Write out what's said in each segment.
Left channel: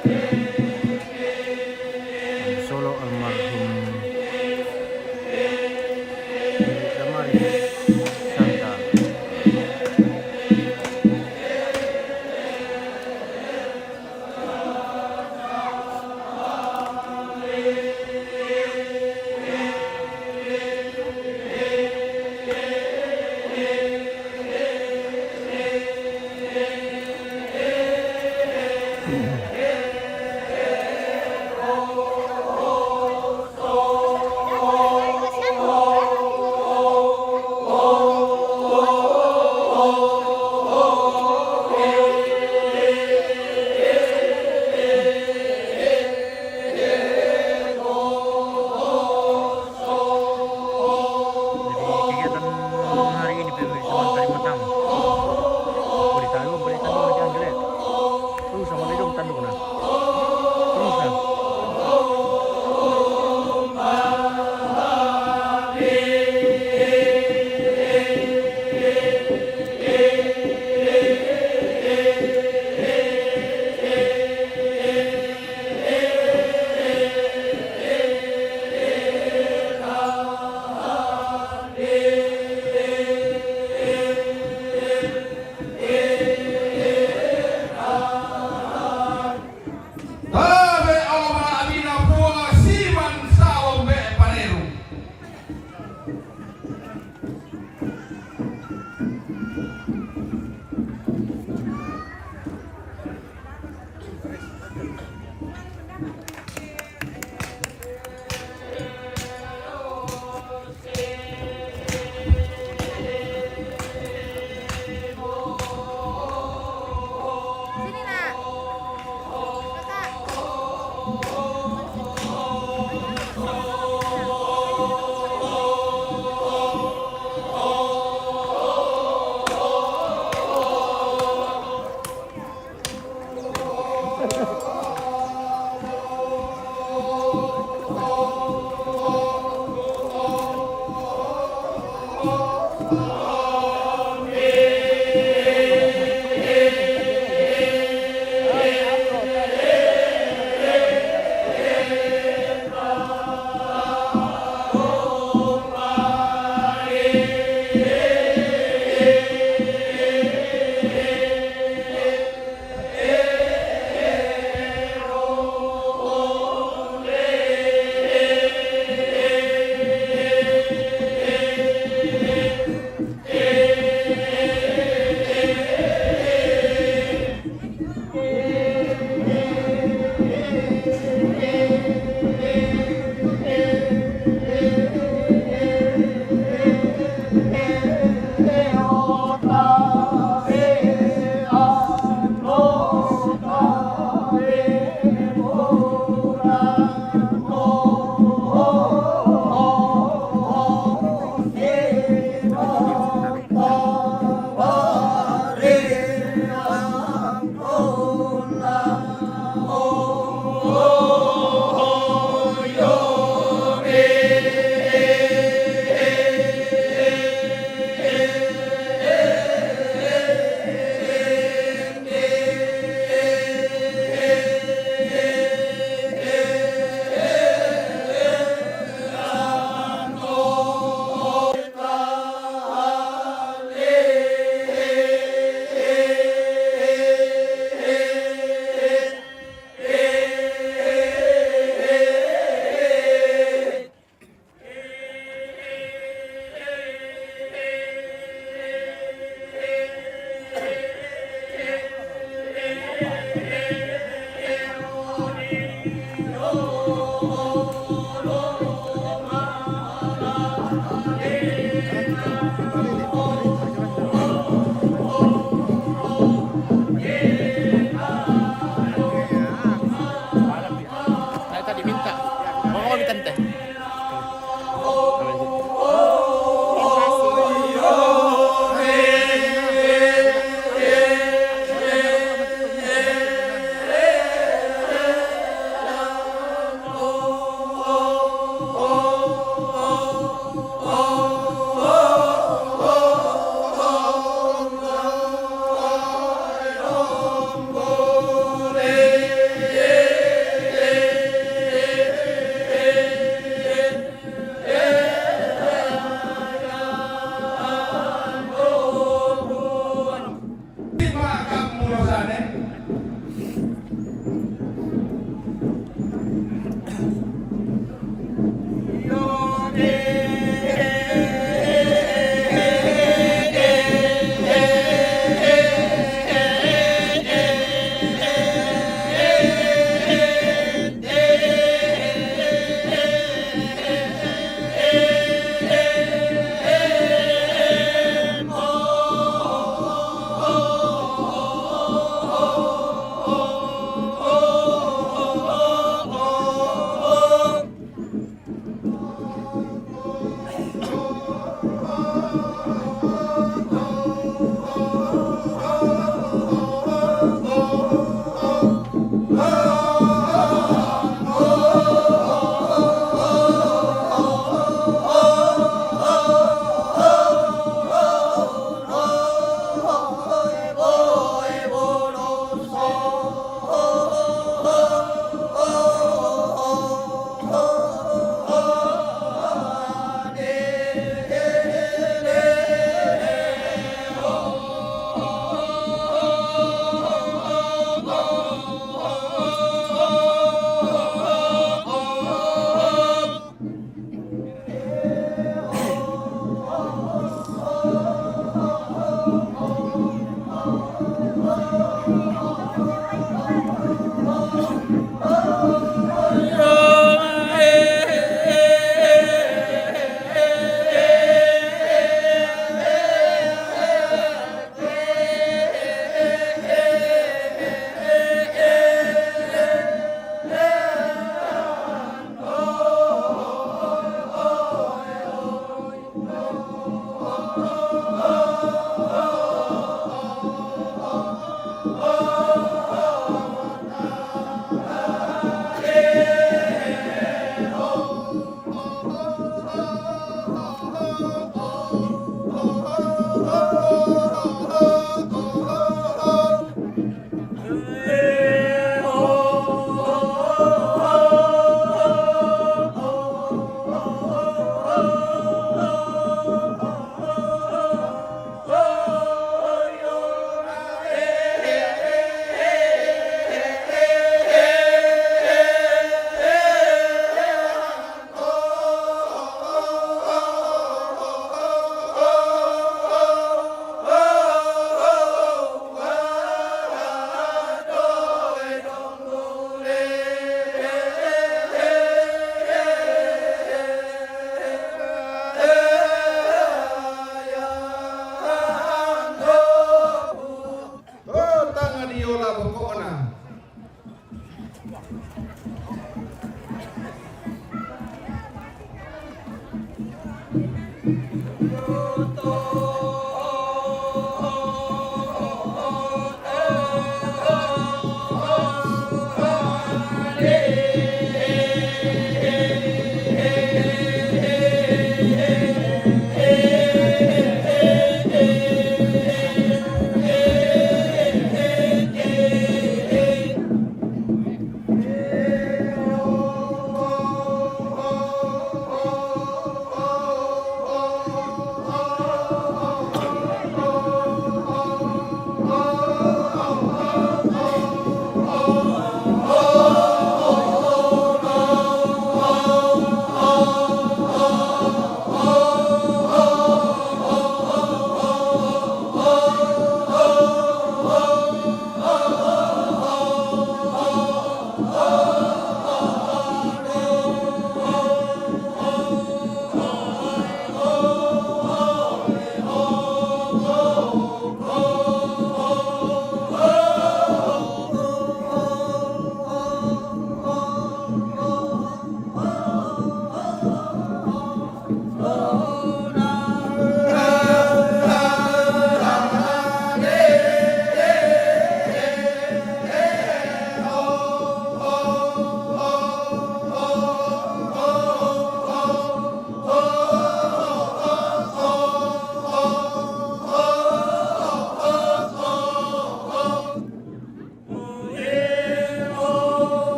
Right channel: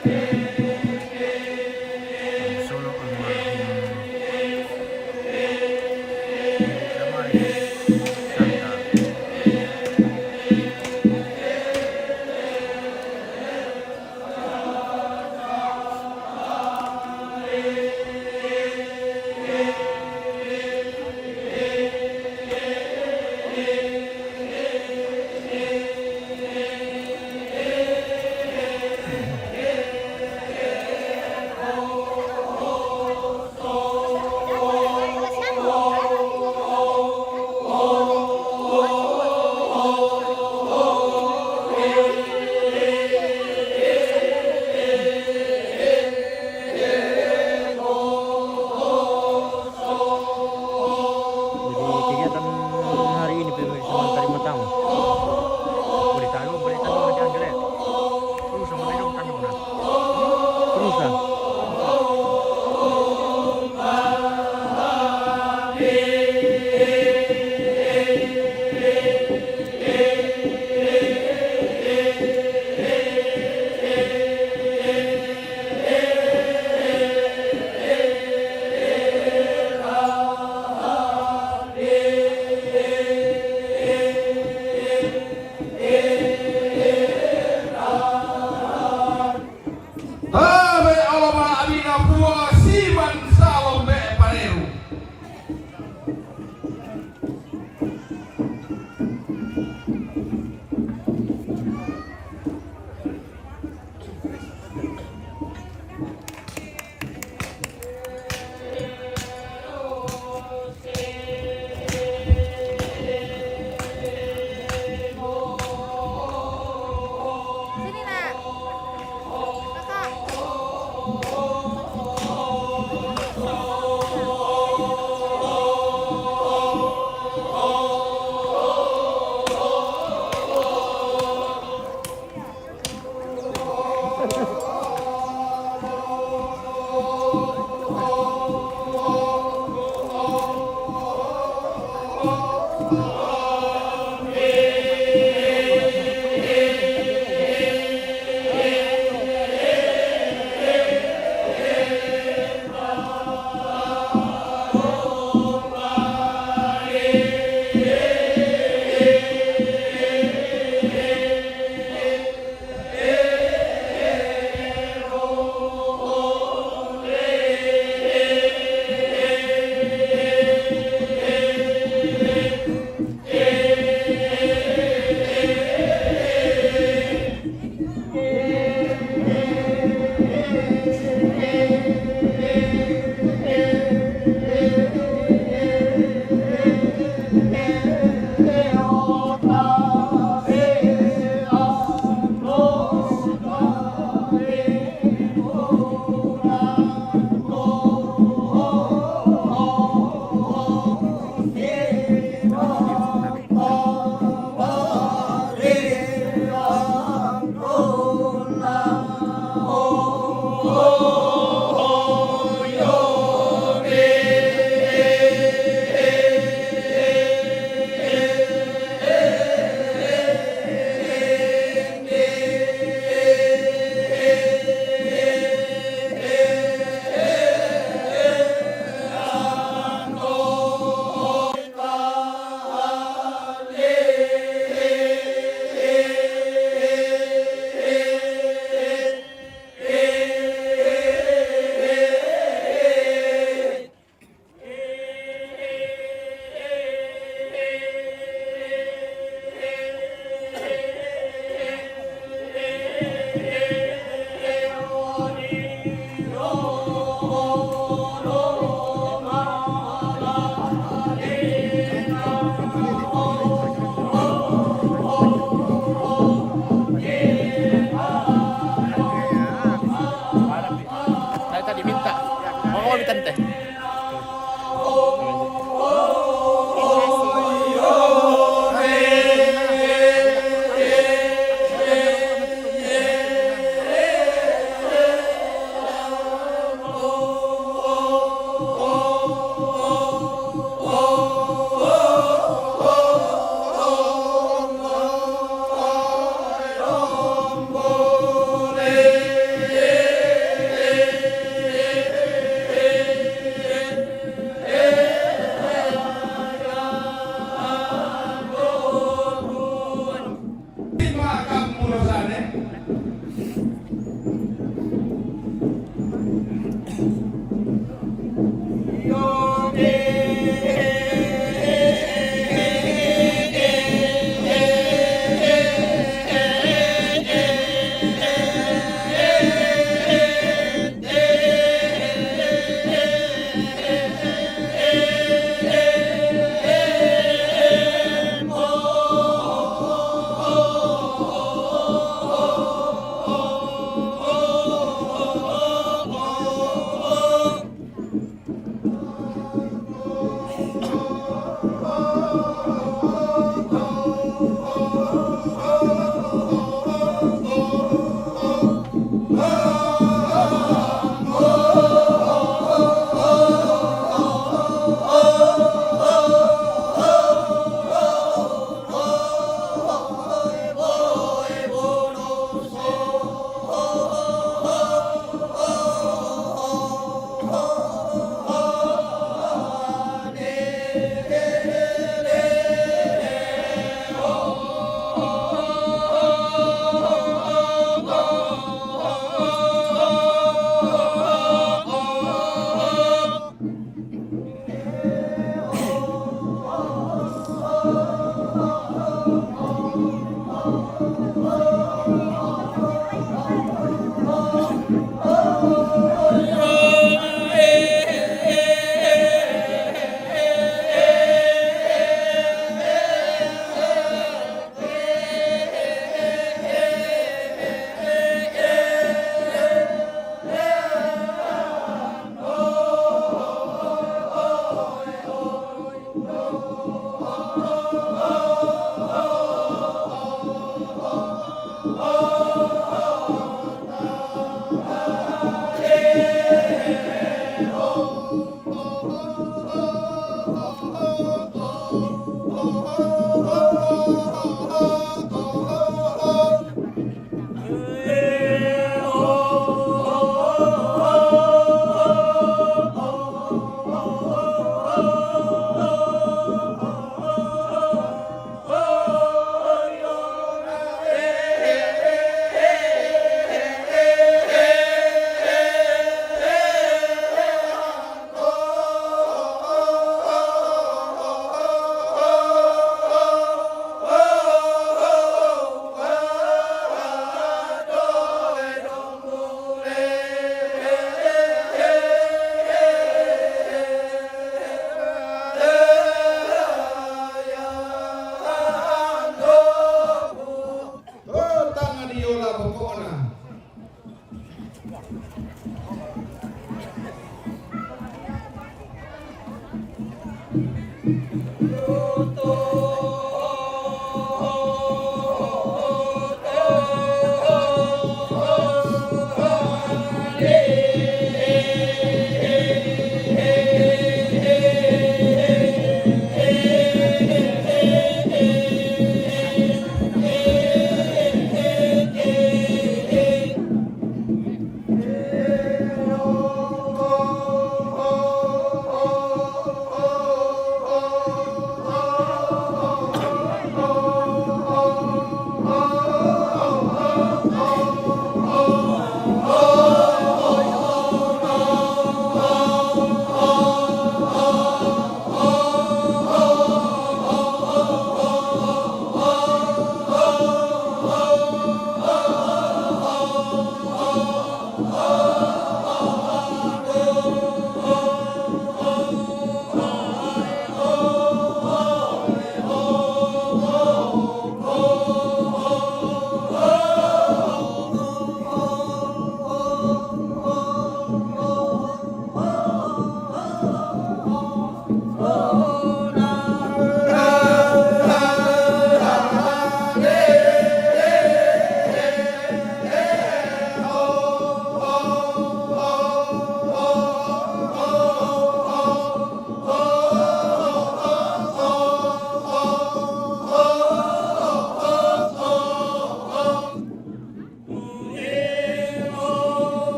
Solo almarhum Damaris Santa. Jadi kegiatan hari ini pemirsa Mantari Matang. Oh, ditaruh berita nanti Anggrek. Sama dong kan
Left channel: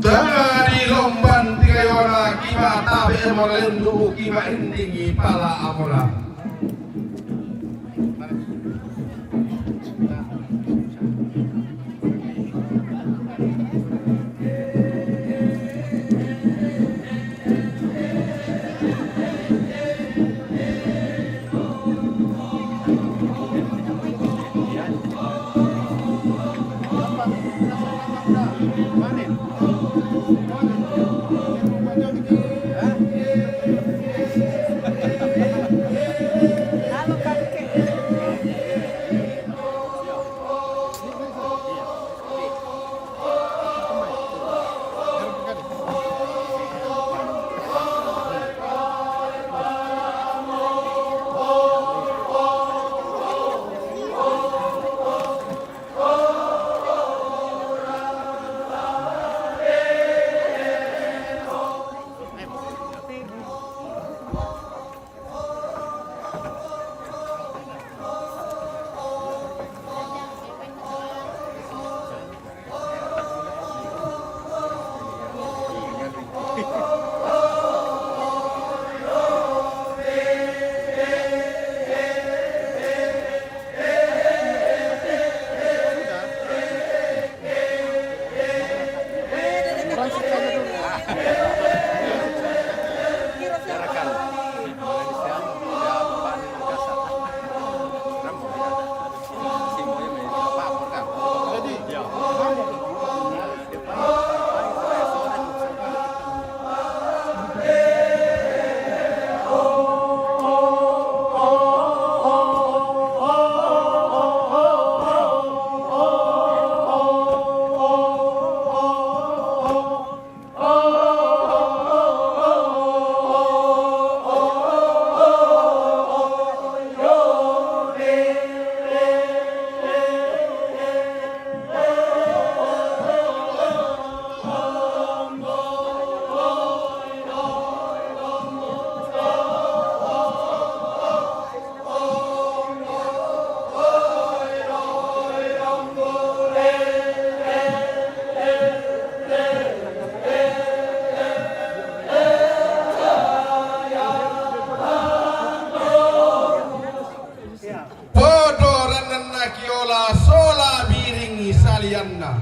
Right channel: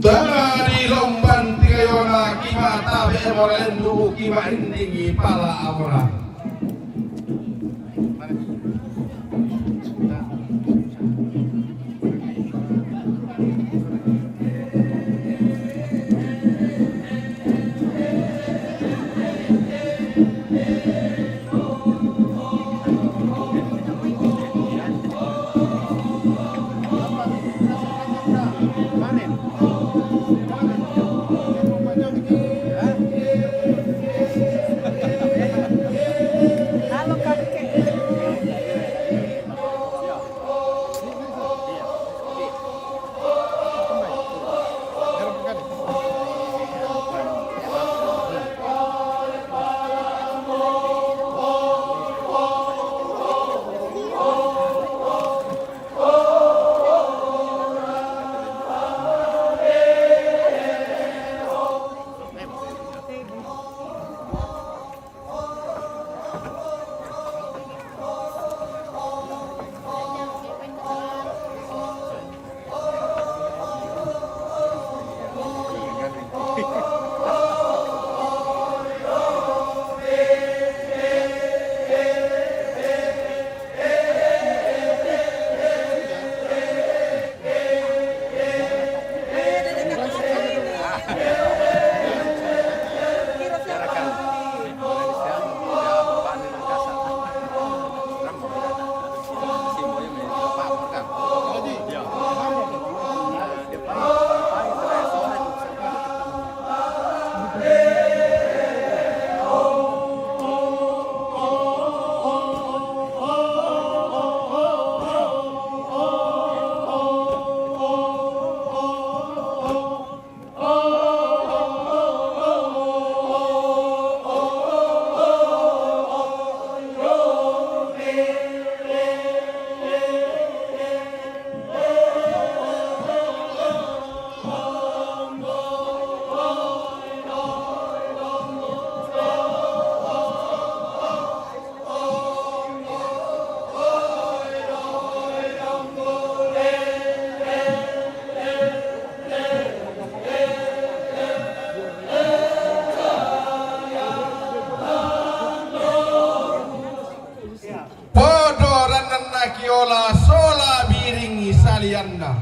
Dari lomban tiga yona kima tabe moralendu kima indingi pala amora. Kiola sola biringi salianna.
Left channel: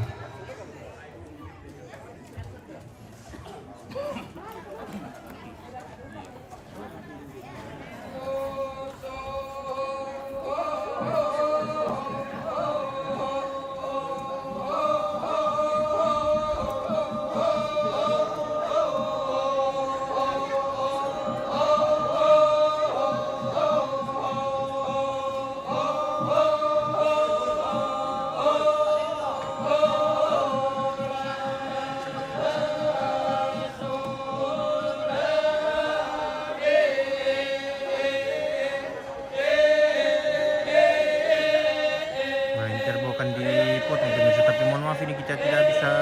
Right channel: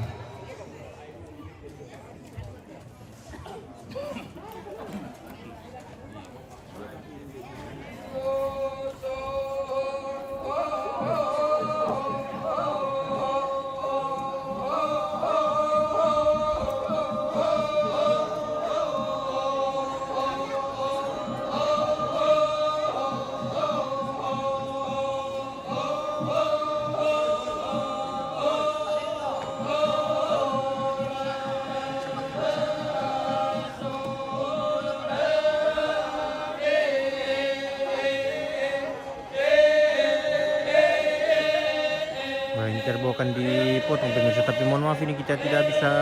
Interbo akan dipotong pemirsa, tapi mohon maaf ini kita tidak bisa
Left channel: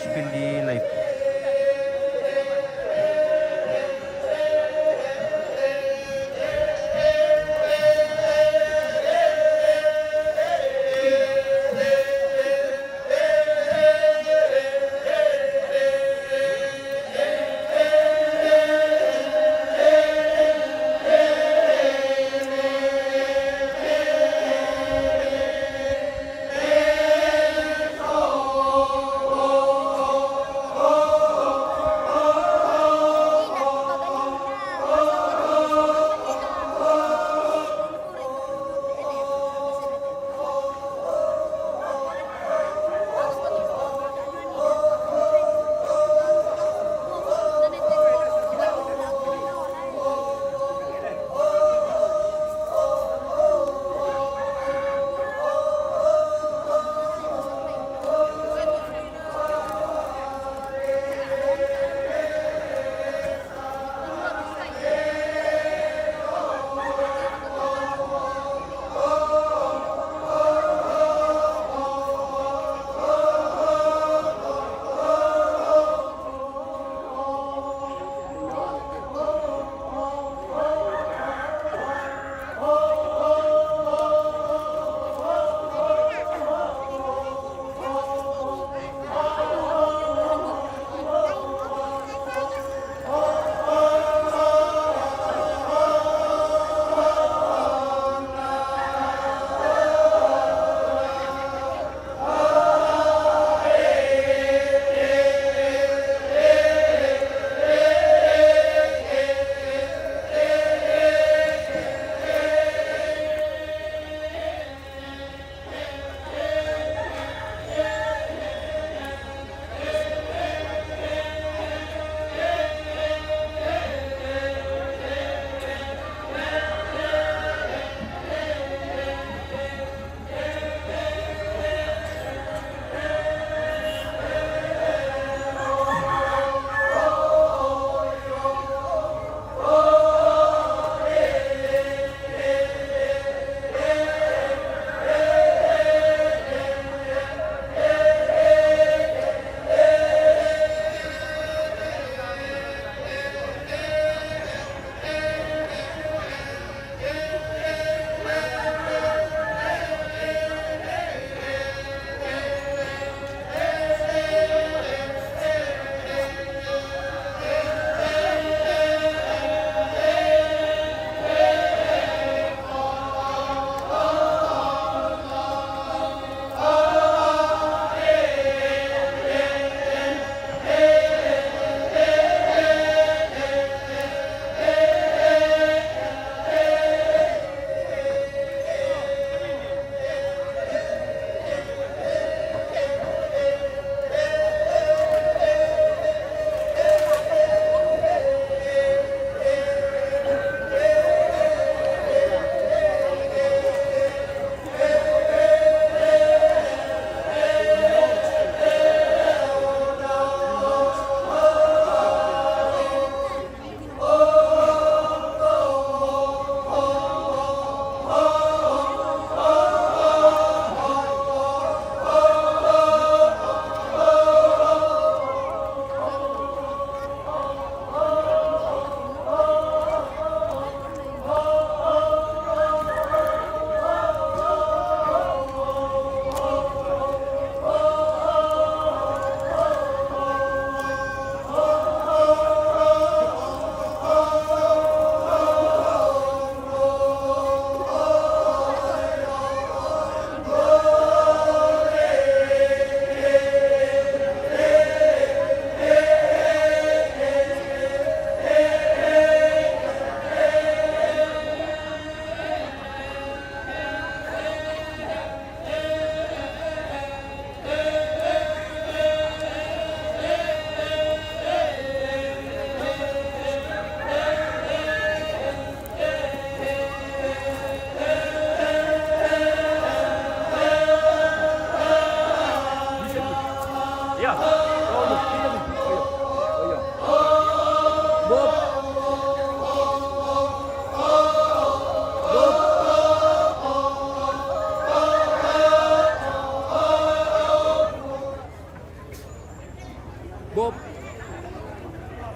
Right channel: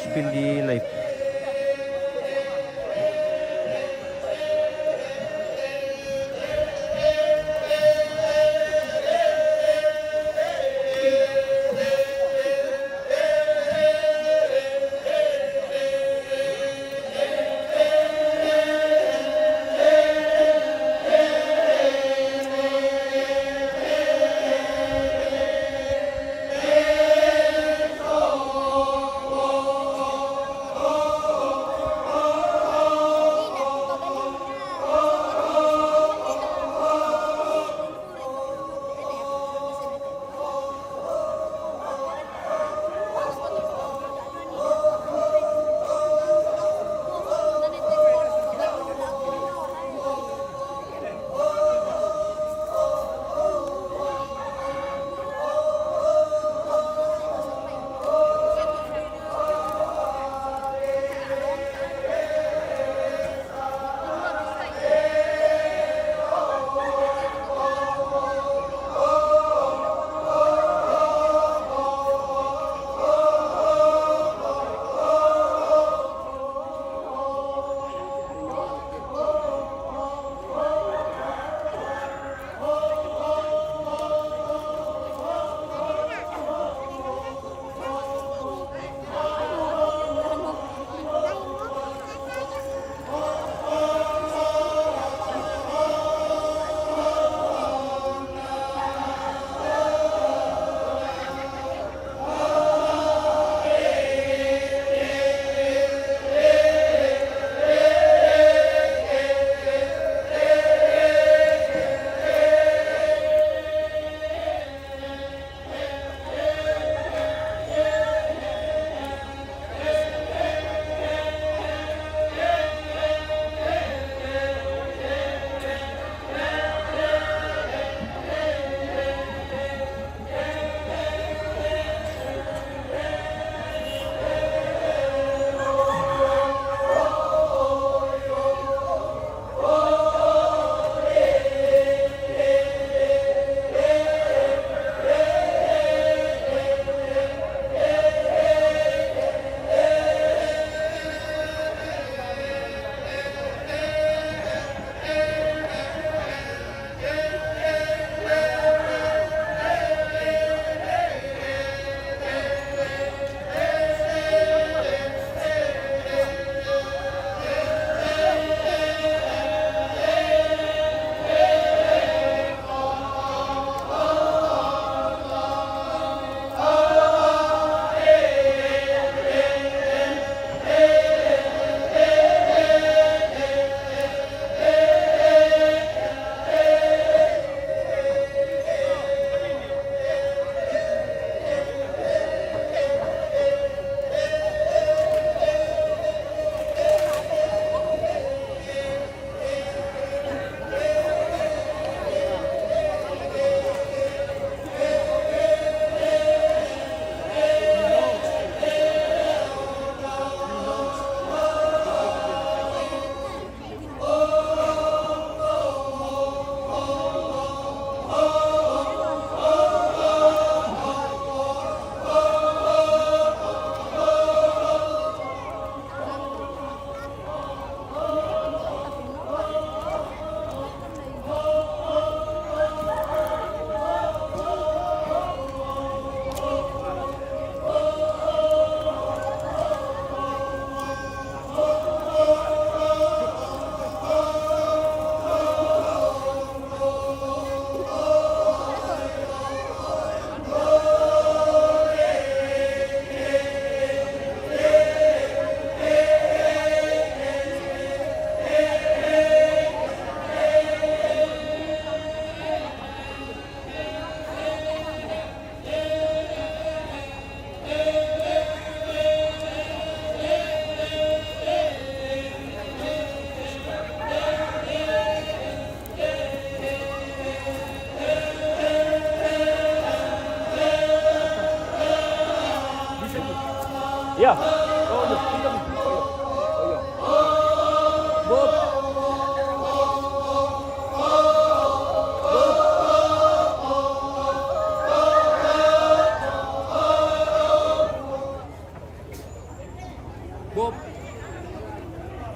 spill di live.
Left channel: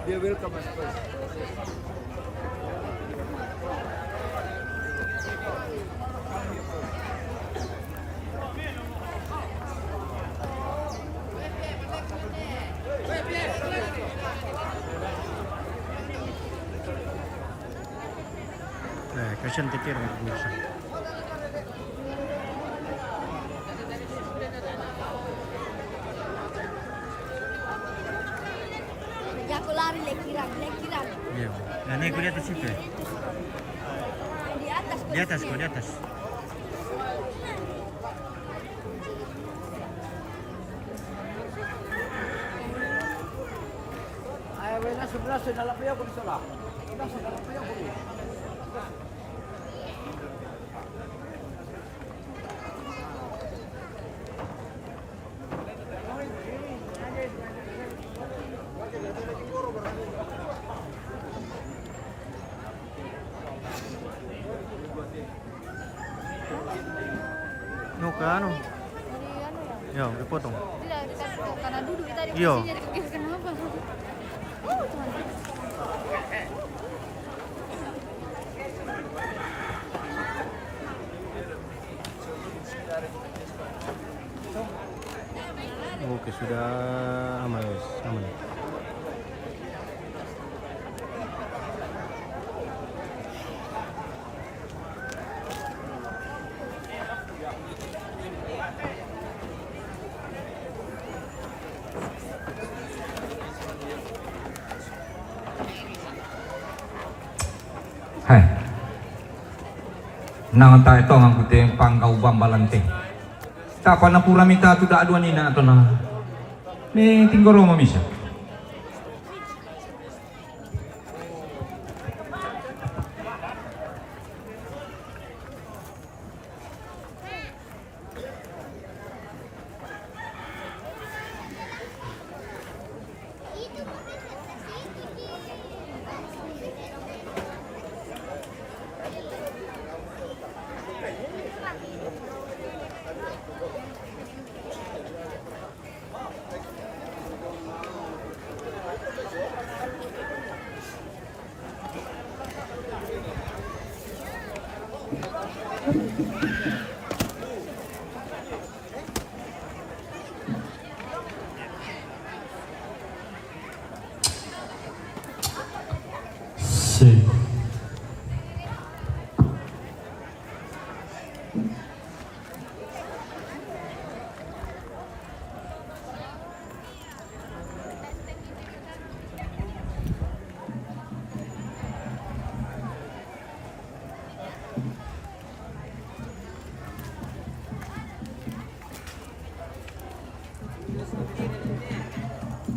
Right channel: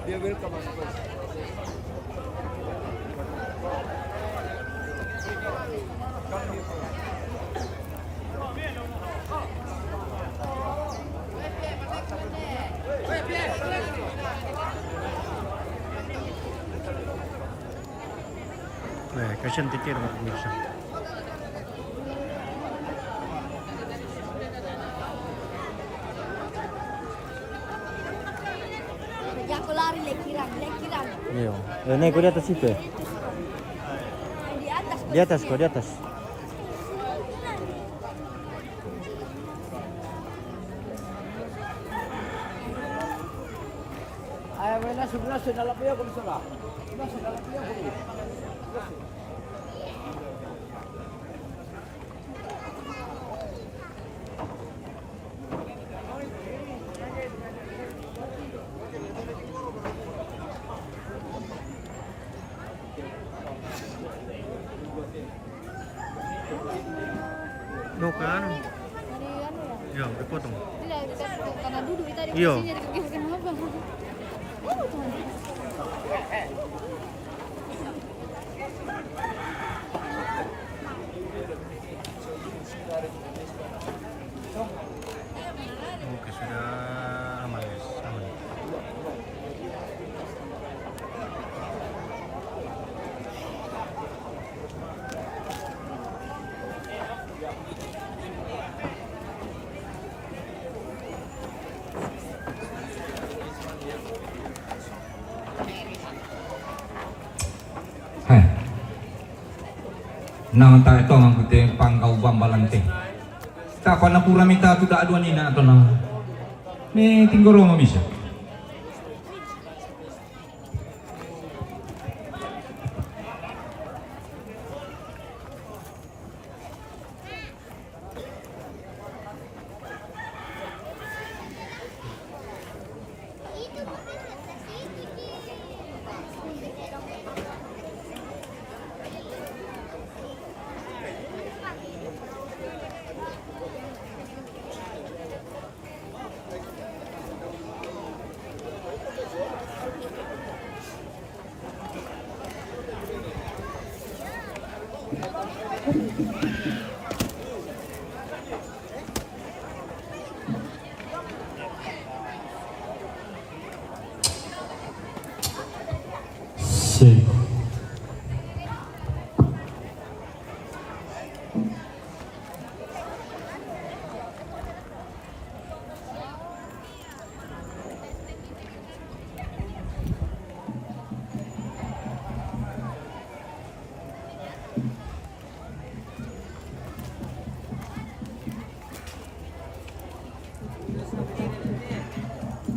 Dia welcome masuk. Christian Tetir pemirsa. Ya aku lari lekiran. Iya. Dan naik di atas situ ya? Di atas. Di atas kok, di atas. No ke anu? Ya, dipotong. Karena duduk kita di Iya. posisinya di kaki kenapa? Oke, sudah aman, guys. Aman. Hai. Nang ta ito ang kute pangkau bambalante. Ta pa na pura mita tu da aduan ina ato na. Me tinggoro mamisya. Si.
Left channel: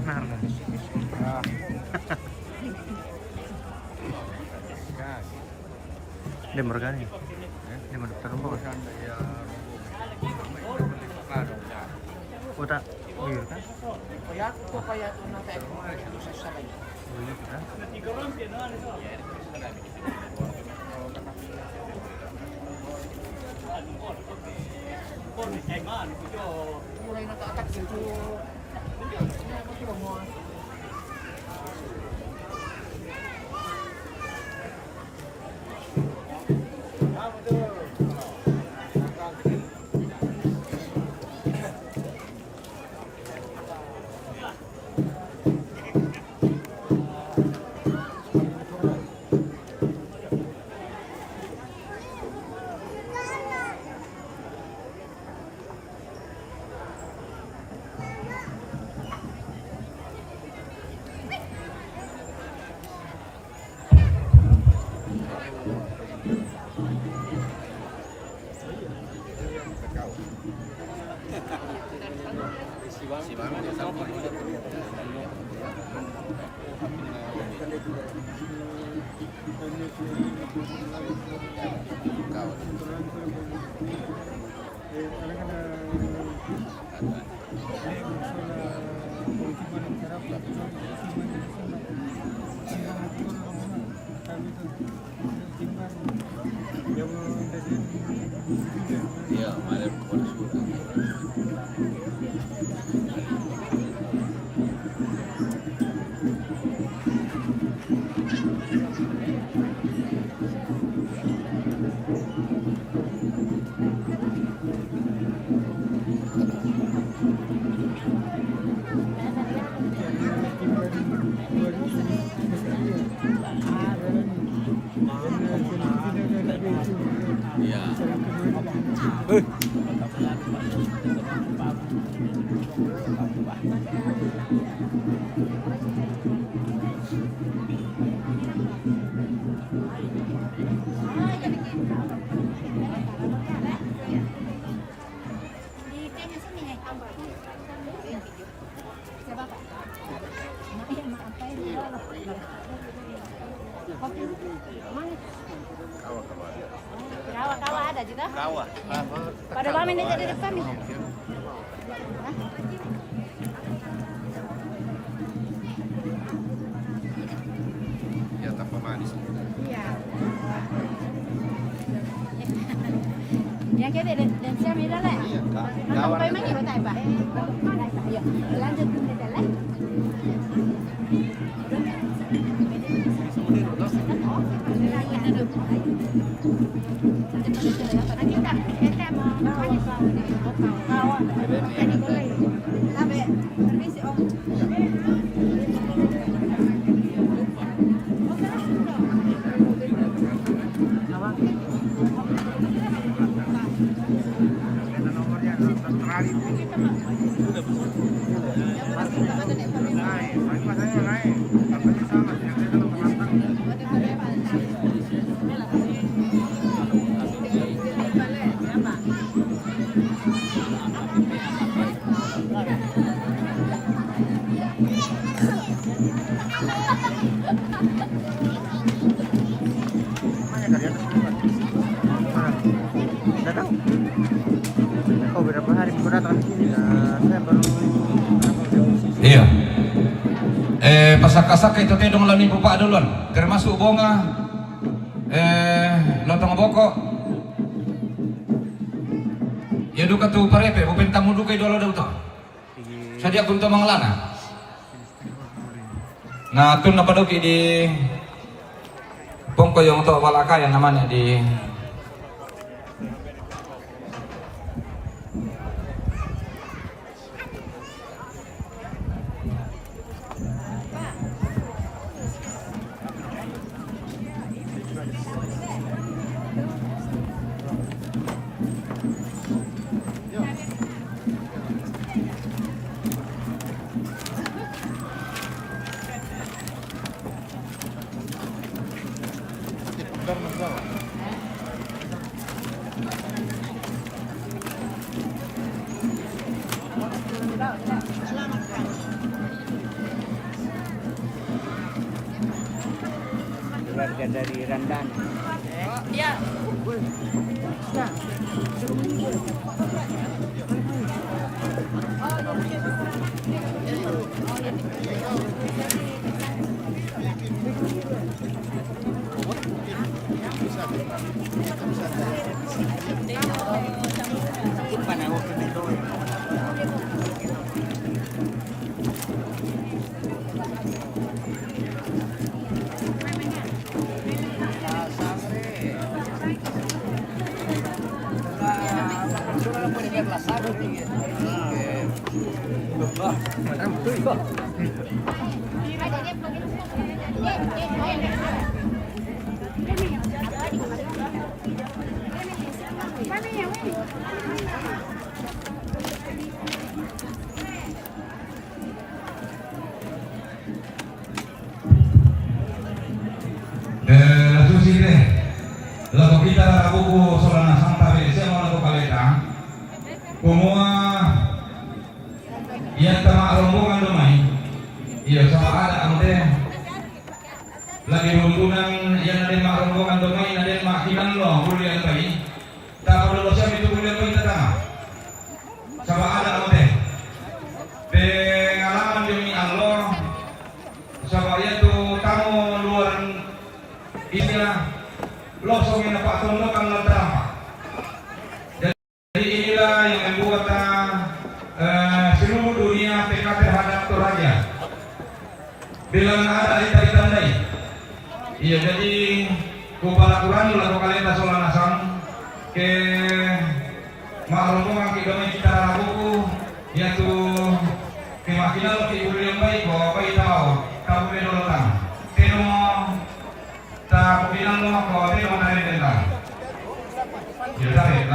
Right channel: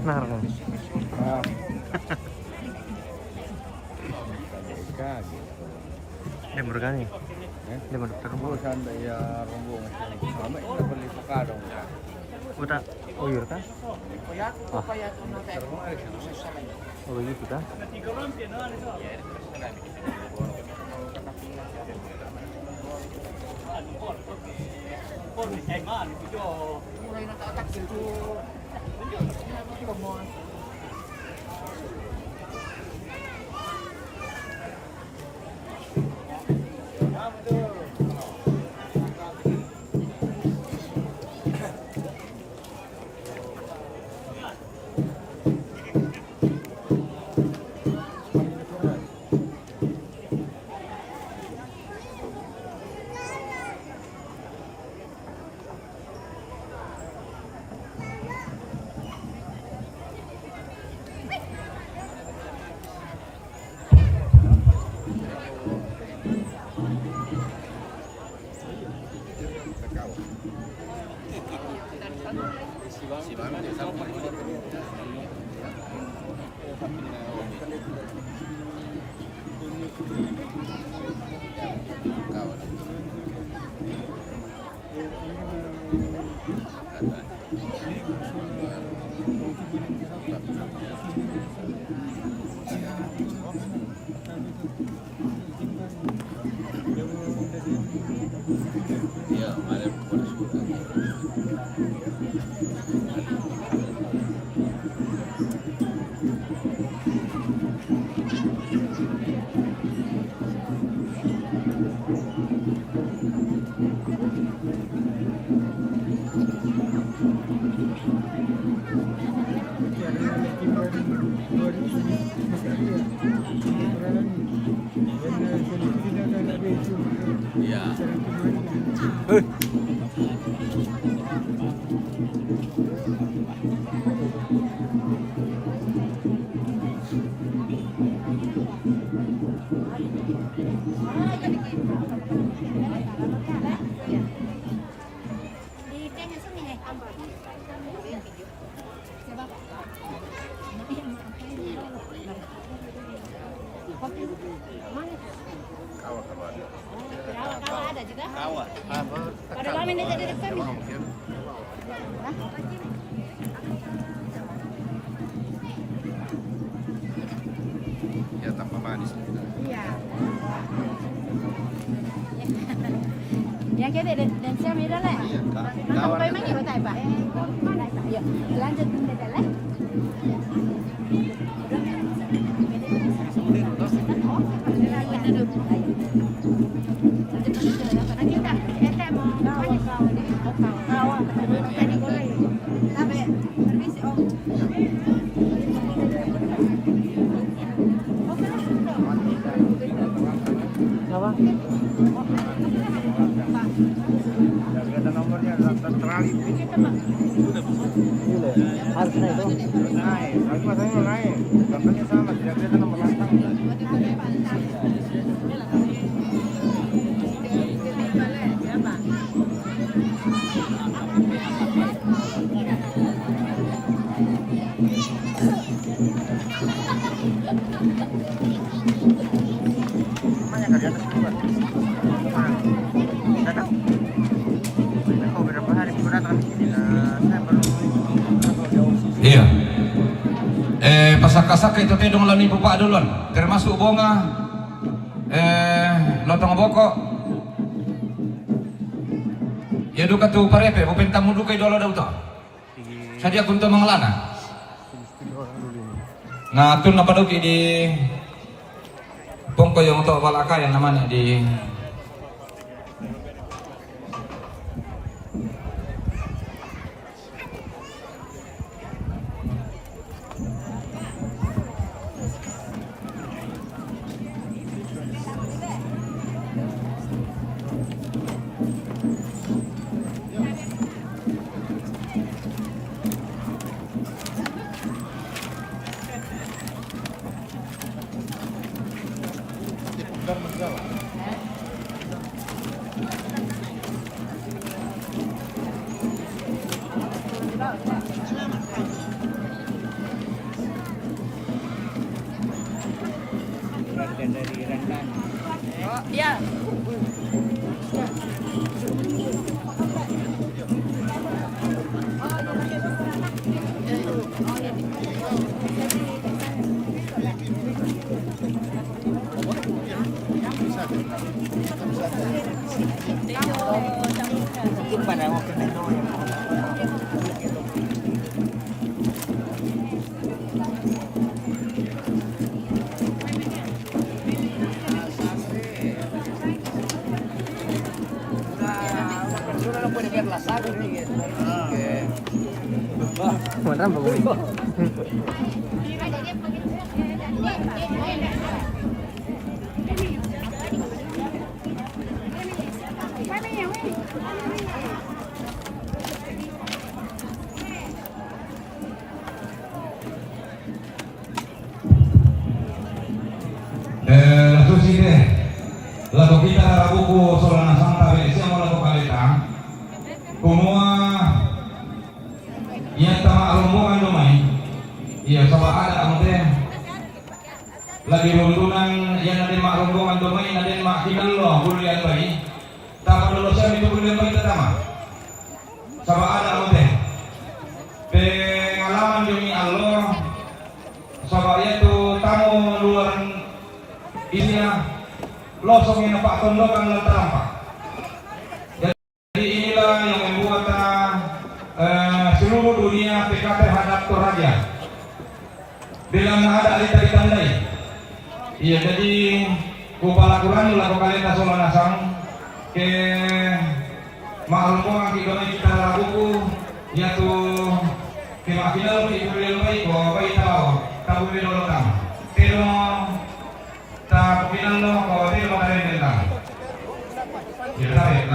Nah, dia bergani. Dia mau dokter rumah. Udah, oh iya kan? Oh iya kita. Mulai nata-atak gitu. Ini apa sih mau? Iya, malam kepada surga. Iya. Di kayaknya sini nih. Siapa Pak? Iya, apa ini? Kopi mana? Kawa ada juga. Kawa. Pada lama ini jadi depan nih. Ya tanpa manis. Iya. Yang kita dan siapa ini lah. Iya, Kawan apa emang kita Pak? Ayo, lanjut kita jalan. Iya. Pasaka-saka itu teh dong lani pupa duluan, termasuk bonga, lotong boko. Ya duka tu parepe, bupen tamu duka idolo dah uto. Sadia kunto manglana. Nah, tun apa doki di pongko yang to walaka yang namanya di keluarga dari Randan. Iya. Pada waktu itu no puede ver la sangre. Mana bu? Terus ini lagu kita buku Solana Santa Besia mau lagu kaleta kumua iya tama rombongan domai iya sama ada ante lagi runtunan yang ada mak rombongan domai ada mak kinallo bulian bai tama dulu siapa itu bulian bai tetama sama ada ante pengalaman demi Allah sama itu kamu luar inilah losongnya Pak Tondo kan terampak. Jadi inilah yang membuat seluruh dunia PK terhadap Toraja dengan ada cerita lain. Iya, jadi kupala Quran lalu kalian tasolan asam ke maklum kita kita buku yaitu kemakinan ibu yang baik bahwa baik tahu tahu bedolotan. Pero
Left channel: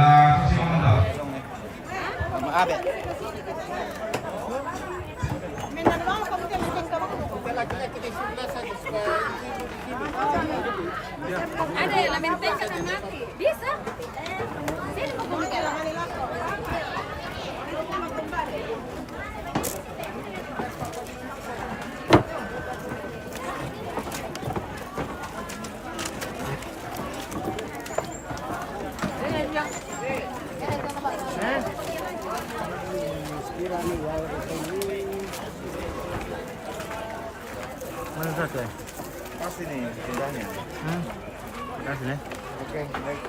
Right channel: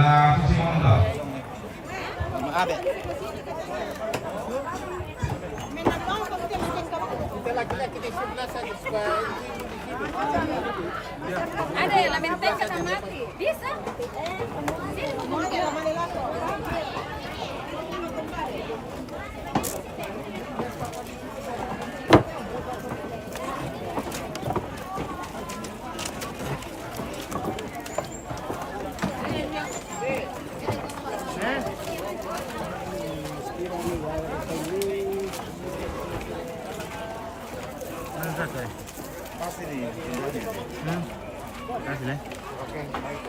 Lah susimon daw. Maabe. Ada yang lamenteng kata mati. Bisa. Sini mau ngomong. Mana satu? Kasih nih, pindahnya. Kasih lah. Oke, baik.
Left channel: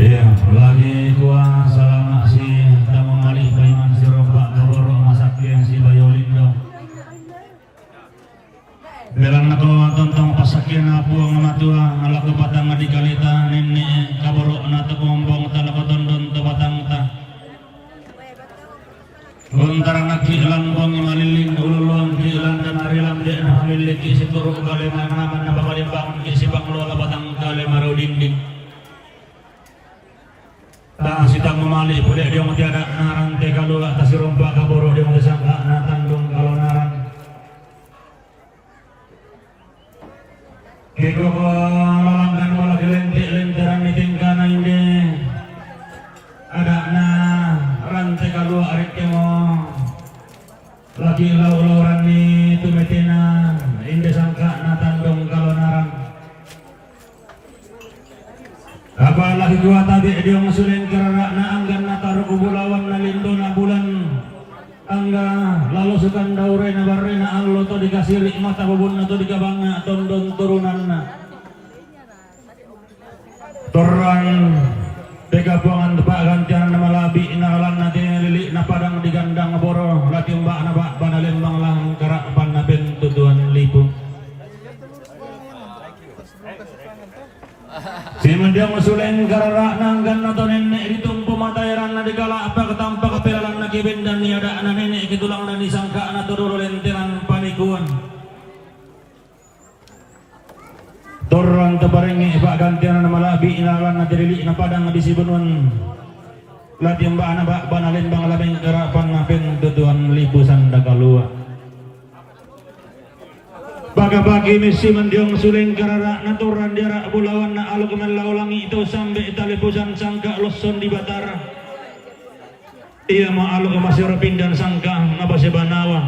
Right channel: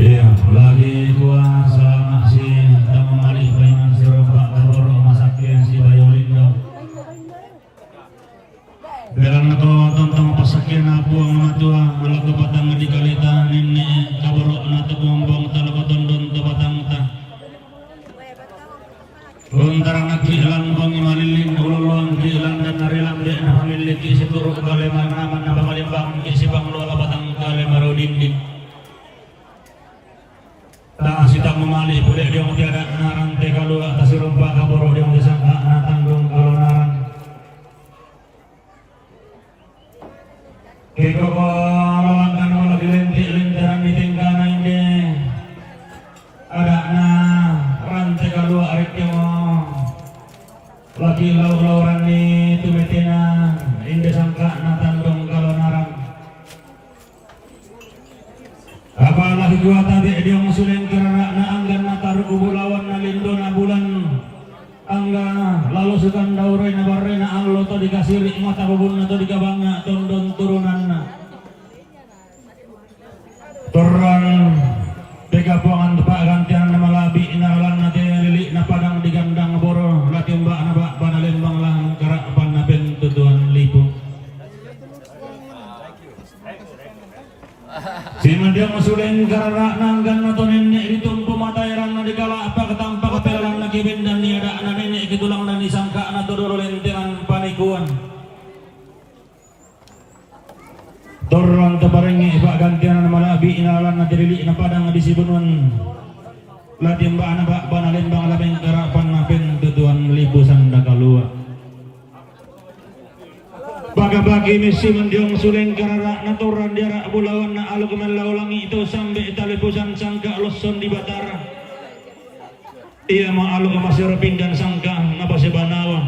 Iya, lagi kuasa maksi tamu malih paiman si rompak kaboro masakien si bayolindo. Belang nako tontong pasakien apu ang matua malak batang di kalita nene kaboro na to bombong talako tondon to batang ta. Untarang nakilan bong imalilin ululun kilan dan arilam de na hamiliki si turu kaleman naman na babalimbang ki si banglola batang kalemaro dinding. Tak sitang memali boleh dia tiada narang te kalau atas rompak kaboro dia sangka na tanggung kalau narang kiko malam dan malam dilentik-lentaran di tingkana ini ada na rante kalau arit yang lagi lau-lauran ni tumetina inde sangka na tanggung kalau narang apalagi gua tadi dia ngusulin kerana na anggan na taruh kubulawan na lindo na bulan angga lalu sukan daure na barre na allo to dikasih mata bubun na to dikabang na tondon turunan na torang tega puangan tepak gantian na malabi na alang na lili na padang digandang boro laki mbak na bak banalembang lang karak pan na bentutuan lipu si mandia musulen karara nanggan na to nenek ditumpu matairan na dikala apa ketampa kepelan na kibin dan niada na nenek kitulang na disangka na tururo lenteran panikuan torang tebarengi pak gantian na malabi inalan na dirili na padang di sibunuan lati mbak na bak banalembang labeng karapan na bentutuan lipusan dakalua bagi misi mendiang suling karara naturan diara bulawan na alu kemelaulangi itu sampai talipusan sangka loson di batara ia mau alu kemasir pindan sangka nabasi banawa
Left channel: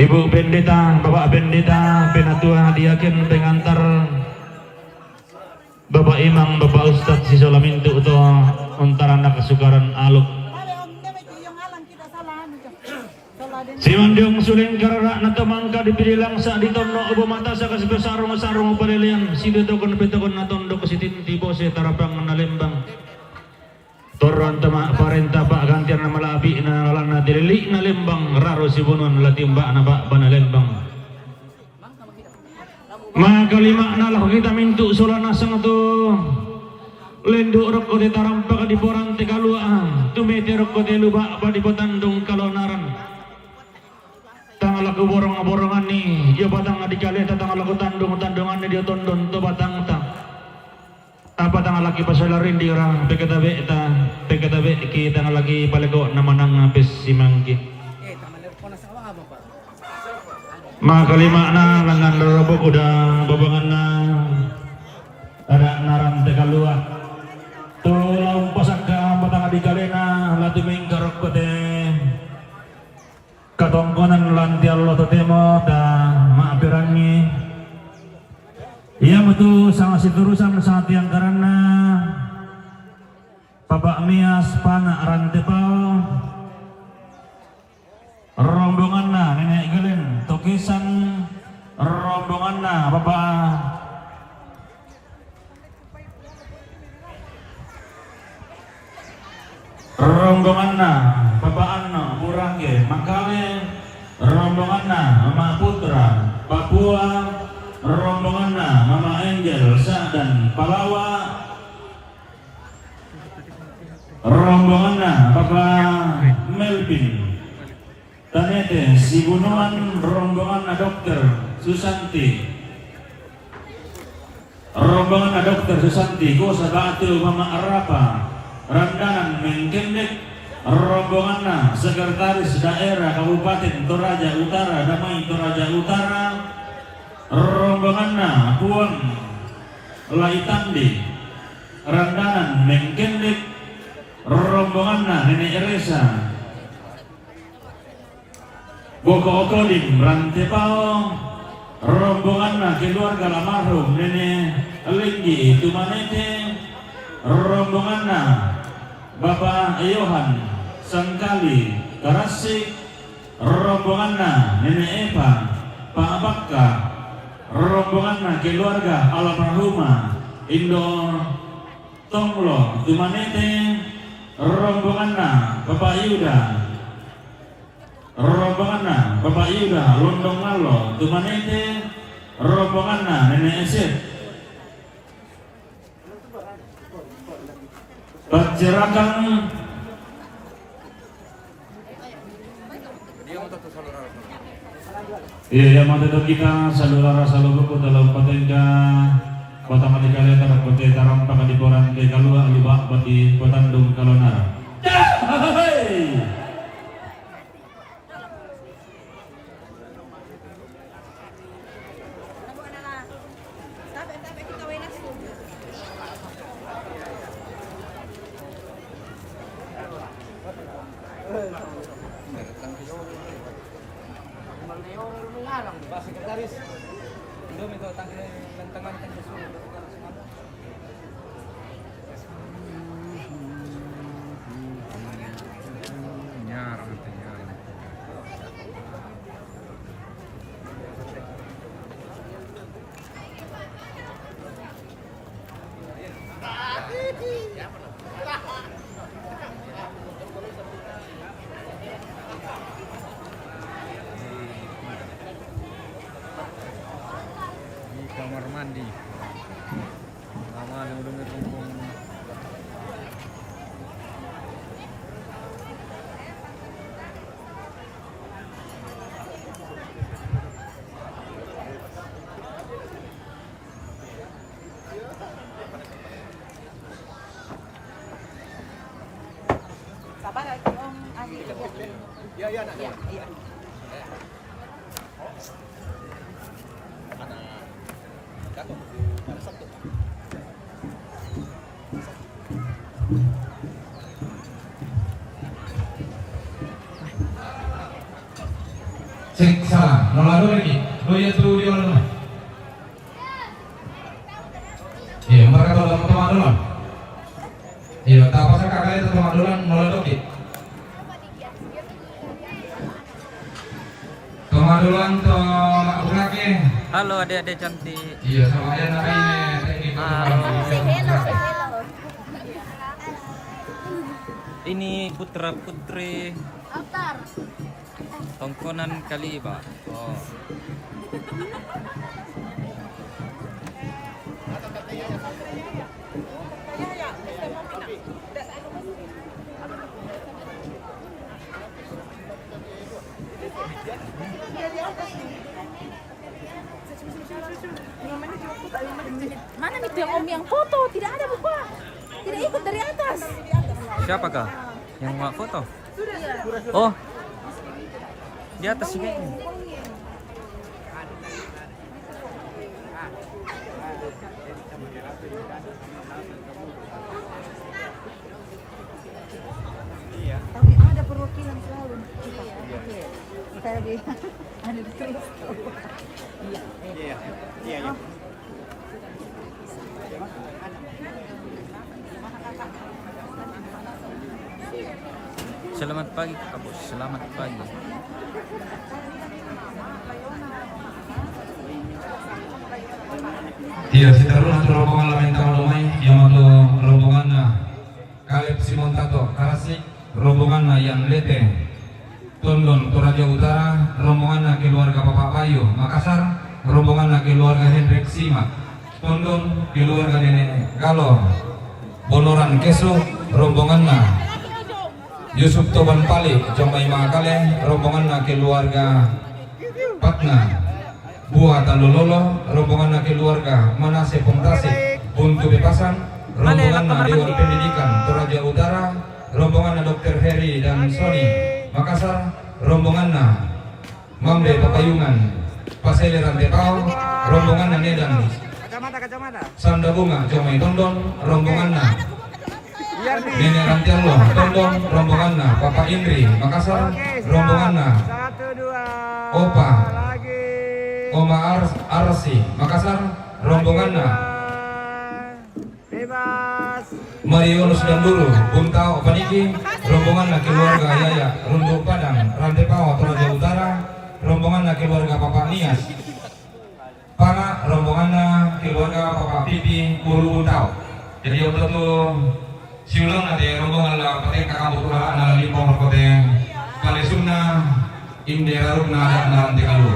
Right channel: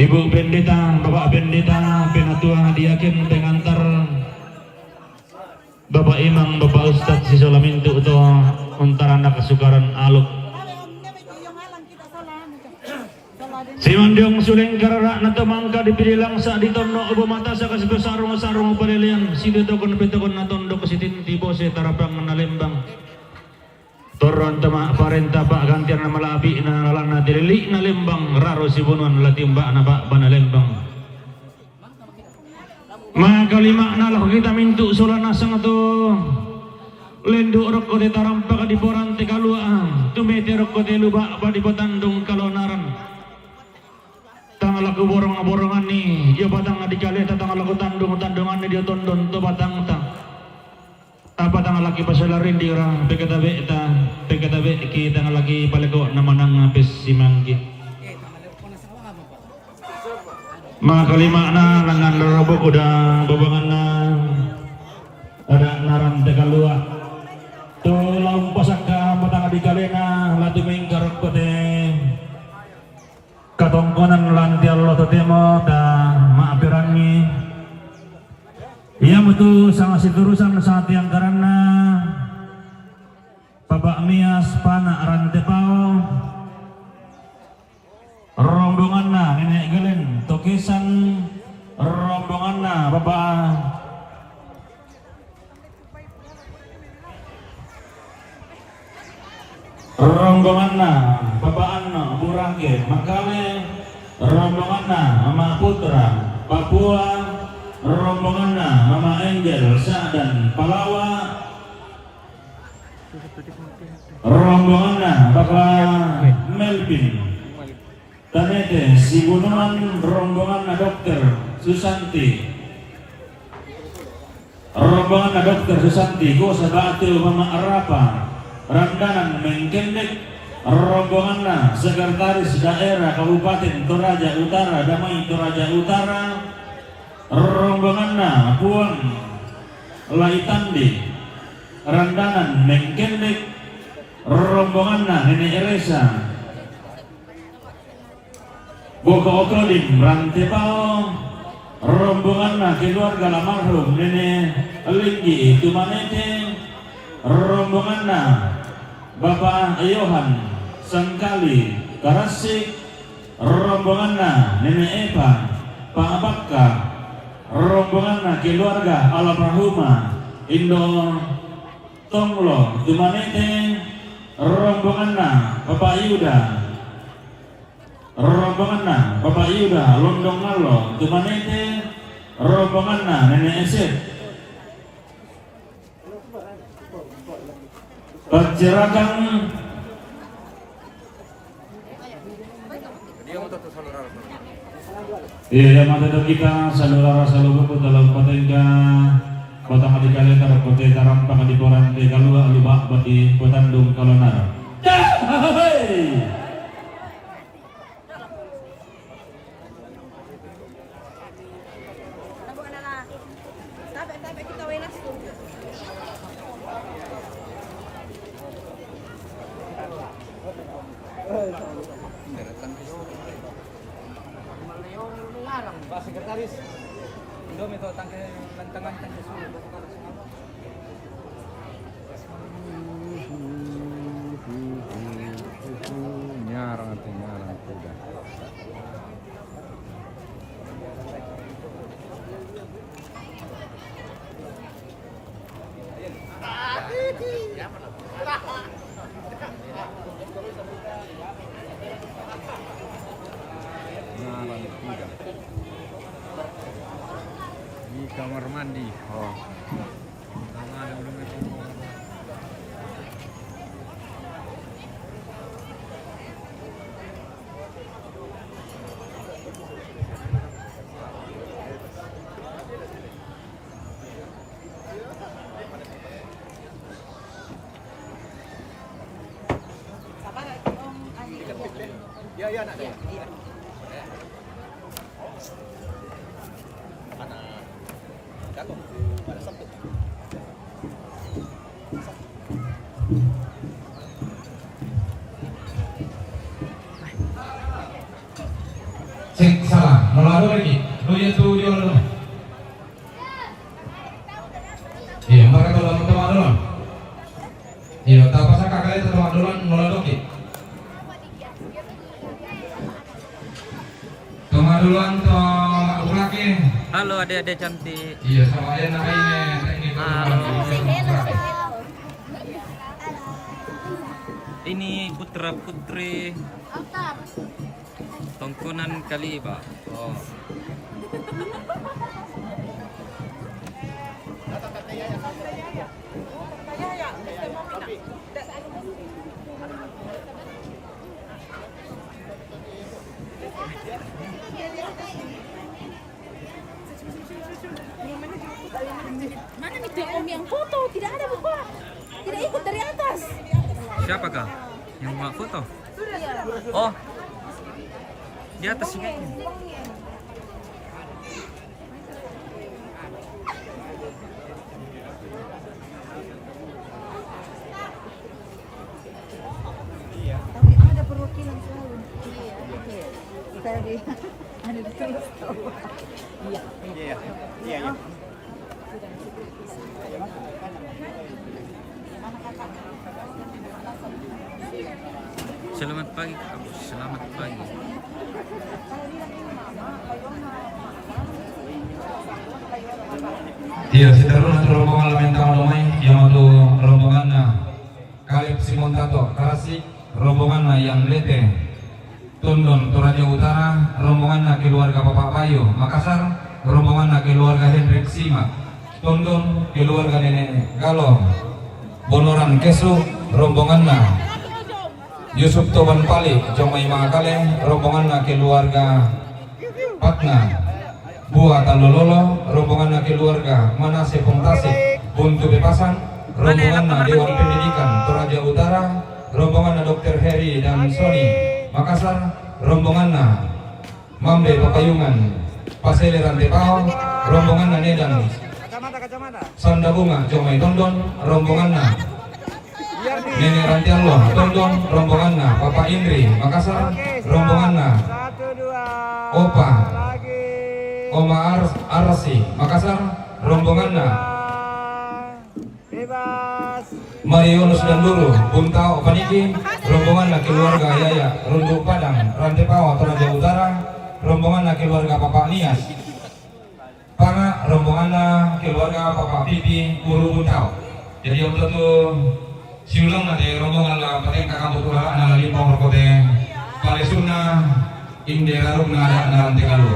ibu pendeta bapak pendeta penatua diaken pengantar bapak imam bapak ustad si solamintu itu antara anak kesukaran aluk si mandiong suling karara na tumangka dipilih langsa ditondo ubo mata sa kasbesarong-sarong palilian si ditokon petokon na tondo kasitin tibo si tarapang na lembang toron tama parenta pak gantian na malabi na nalang na dilili na lembang raro si bunuan latimba na pak banalembang makalima na lah kita mintu solana sang to lendo rokko de tarampa di porante kalua tumete rokko de luba di potandung kalonaran tanggal laku borongan ni dia batang di kali tanggal laku tandungan ni dia tondon tu batang tang apa tanggal laki pasalarin di orang pekata ki tanggal laki palego namanang ngapis simangki makalima na langan lorobok udah babangan na ada naran tekalua tu laung pasangka batang di kali na latu mingkarok kote katongkonan lanti Allah tetemo dan itu sangat siturusan saat yang karena Bapak Mias Panak Rantepau rombonganna Nenek Gelen Tokisan rombonganna Bapak Anno Murage Makale rombonganna Mama Putra Papua rombonganna Mama Angel Sadan Palawa rombonganna Bapak Melvin Tanete Sibunuan rombonganna Dokter Susanti rombonganna Dokter Susanti Kosa Batu Mama Arapa Randanan Mengkendek rombonganna Sekretaris Daerah Kabupaten Toraja Utara Damai Toraja Utara rombonganna Puang Laitandi Randanan Mengkendek rombonganna Nenek Resa Boko Okolim Rantepao rombonganna keluarga almarhum Nenek Linggi Tumanete rombonganna Bapak Yohan Sangkali Karasik rombonganna Nenek Eva Pak Bakka rombonganna keluarga almarhumah Indo Tonglo Tumanete rombonganna Bapak Yuda rombonganna Bapak Yuda Londong Ngalo Tumanete rombonganna Nenek Esep Pacerakan iya yang mata kita saudara saluruh dalam potenga kota Madikalian Tarap kota Tarampak di Poran di Kalua Alubak bati Potandung Kalonara. Pak Sekretaris, Indo minta tangke lantangan kan kesulitan. Nyarang nyarang. Di kamar mandi. Oh. Lama dulu Sabar Om Ani. Iya, nak. Iya. Jatuh pada Sabtu, Pak. Cek salah, nolado lagi. Loya tuh dia orang. Iya, mereka tuh dalam teman dolan. Iya, tak apa sih kakaknya teman dolan nolado lagi. Teman dolan tuh laki. Halo adik-adik cantik. Iya, sama ayah namanya. Halo. Ini putra putri Tongkonan kali Pak. Oh. Mana itu Om yang foto? Tidak ada buku. Tidak ikut dari atas. Siapakah yang mau foto? Oh. Di atas sih kayaknya. Tapi ada perwakilan selalu. Iya. Saya ada terus tahu. Iya. Iya. Selamat pagi Kak Bos, selamat pagi. Iya, sekarang atur rombongan Lamentang Lomai yang atau rombongan Kaleb Simon Tato Karasik, rombongan yang Lete Tondon Toraja Utara, rombongan keluarga Bapak Payu Makassar, rombongan keluarga Hendrik Simak Tondon, keluarga Nenek Galo Bonoran Kesu, rombongan Yusuf Toban Pali Jomai Mangakale, rombongan keluarga Patna Buah Talololo, rombongan keluarga Manase Pongtasik, Buntu Bepasan, rombongan Dewan Pendidikan Toraja Utara, rombongan Dr. Heri dan Sony Makassar, rombongan Mambe Papayungan Pasele Rantepao, rombongan Nedan Sanda Bunga Jomai Tondon, rombongan Nenek Rantialo Tondon, rombongan Papa Indri Makassar, rombongan Opa Oma Arsi Makassar, rombongan Marionus Danduru Buntao Paniki, rombongan keluarga Yaya Rundu Padang Rantepao Toraja Utara, rombongan keluarga Papa Nias Panga, rombongan keluarga Papa Pipi Uru Buntao. Jadi untuk itu siulang nanti rombongan Pateng Kakambut Ura Limpong Rokote Palesuna Indera Rukna dan Rantekalu.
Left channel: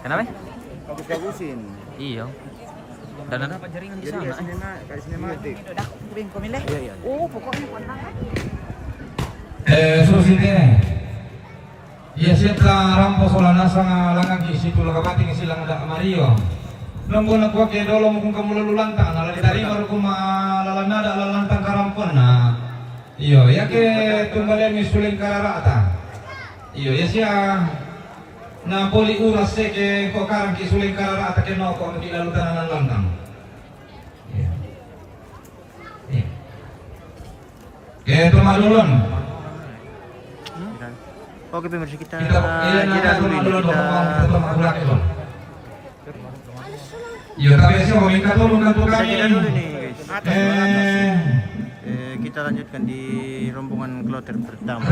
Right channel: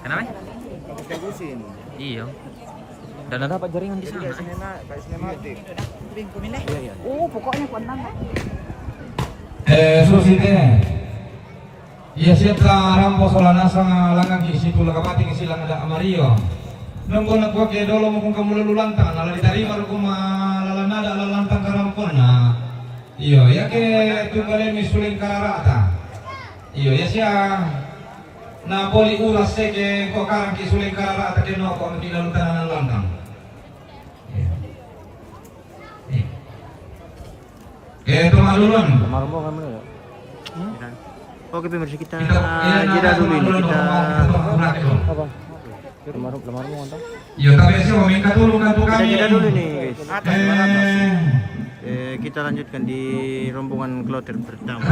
Kenapa? Bagus-bagusin. Iya. Dan ada apa jaringan di sana? Iya. Oh, pokoknya Susite iya siapa rampo solana sang langang kisi pula kapati kisi lang ada amario nunggu nak wake dolo mukung kamu lalu lantang ala diterima rukum lalanada lalantang karampon na iyo ya ke tumbalen misuling kararata iyo ya siya na poli uras ke kok karang kisuling kararata ke no kok di lalu tanan lantang ke tumalulun. Oke pemirsa, kita jeda dulu ini, kita jeda dulu nih guys. Kita lanjutkan di rombongan kloter pertama.